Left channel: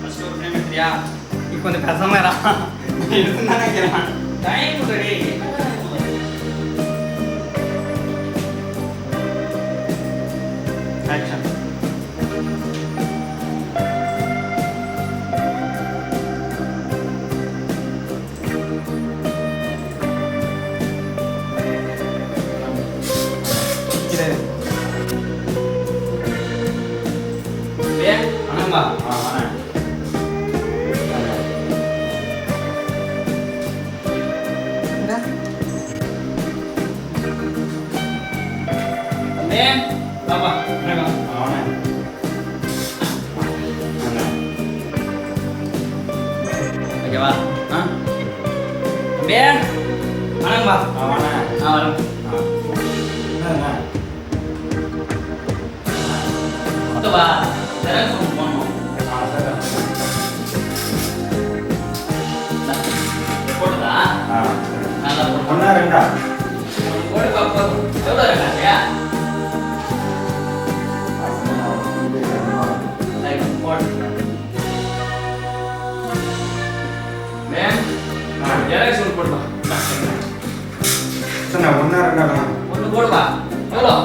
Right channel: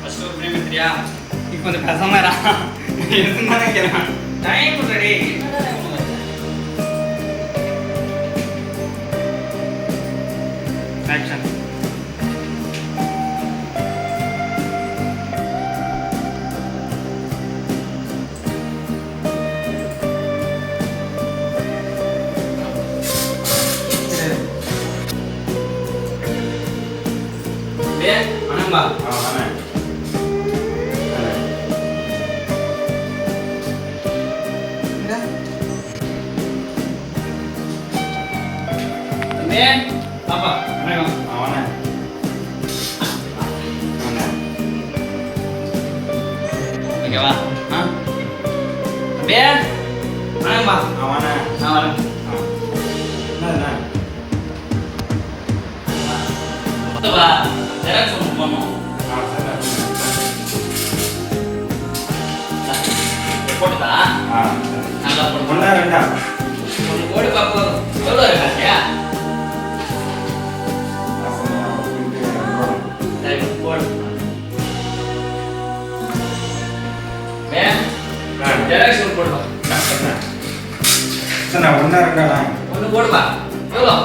First ஒரு frame எடுத்துறியா? இப்போ கொஞ்சம் கசமாரா இருந்தானே கேட்கலாம். டைம் இல்லடி. ஆக்ஷன். வணக்கம்பா. வணக்கம். பாப்பா வணக்கம். ஓகேவா? அப்படியே வணக்கம்பா. வரோம். ஓகேவா? ஜெராக்ஸ் ஒன்று போடணும். போட்டுதா? நல்லா போட்டு. ஒன்றா ரெண்டா? ஒன்று போடு பாப்பா. எவ்வளோ இருக்காச்சியா? சரி போடு. ஜெராக்ஸ் ஒன்று போடுவா. ஒன்றா ரெண்டா? ஒன்று போடுவா. எவ்வளோ?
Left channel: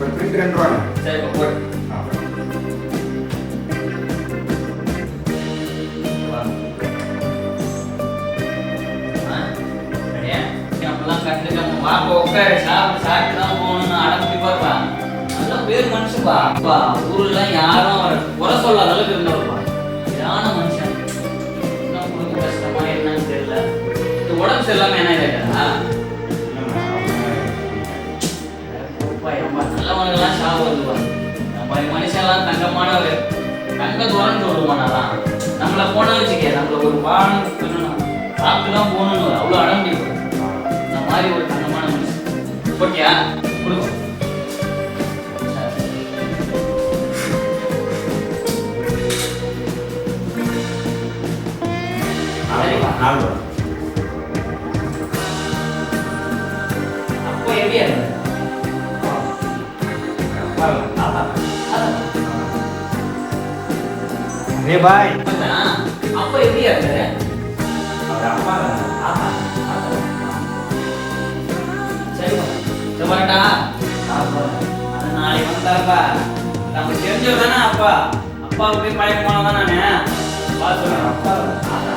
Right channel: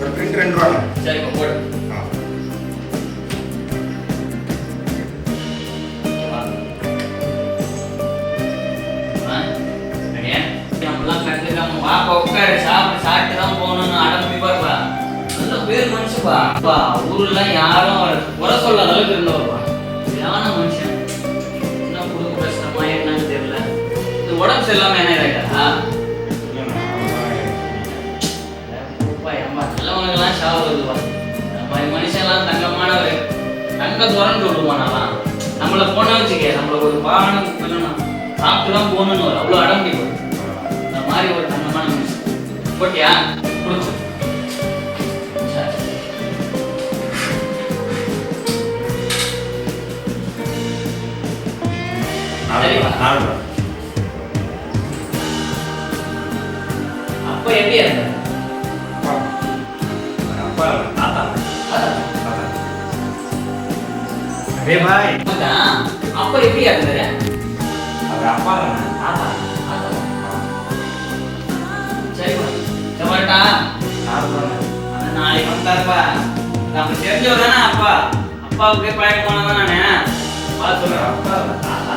ஒரு பிரிண்ட் 2 ரூபா. சரி போடு. பாப்பா உட்காரு, சாப்பிட்டு தான் போகணும்னு அடம்பி பாப்பா. நல்ல பேர் மனுஷப்பா. அப்பா ஊர்லாம் யாரும் அவரை குறை சொல்ல அளவுக்கு இருந்தவர்ப்பா. சரியான மனுஷன். என்ன குடும்ப கஷ்டமா என்னன்னு தெரியல. இது உடம்பு சரியில்லாம என்ன ஆயிட்டா? நம்ம நல்லவங்கெல்லாம் சாவு வருதுப்பா. நம்ம மனுஷன்லாம் தங்கமானவர். தங்க துறன்னு சொல்லுவானாலாம். நம்மளை போன வச்சுக்க, நம்மள ஒரு பானம் சாப்பிட்டு தான் போகணும்னு அவ்வளோ அடம்பி இந்த மாதிரி ஒரு தங்கமான மனுஷன். ஓகேயா? கொடுக்கும். அப்போ எப்படி இருந்தது? அப்ப எப்படி இருந்தது? சரி வரட்டா. நாளைக்கு வந்தாருப்பா. நம்ம தெரிஞ்சவர் தானே அப்பா. அப்பா அப்படியே பழக்கமானதான் நானு. சொல்றேன்.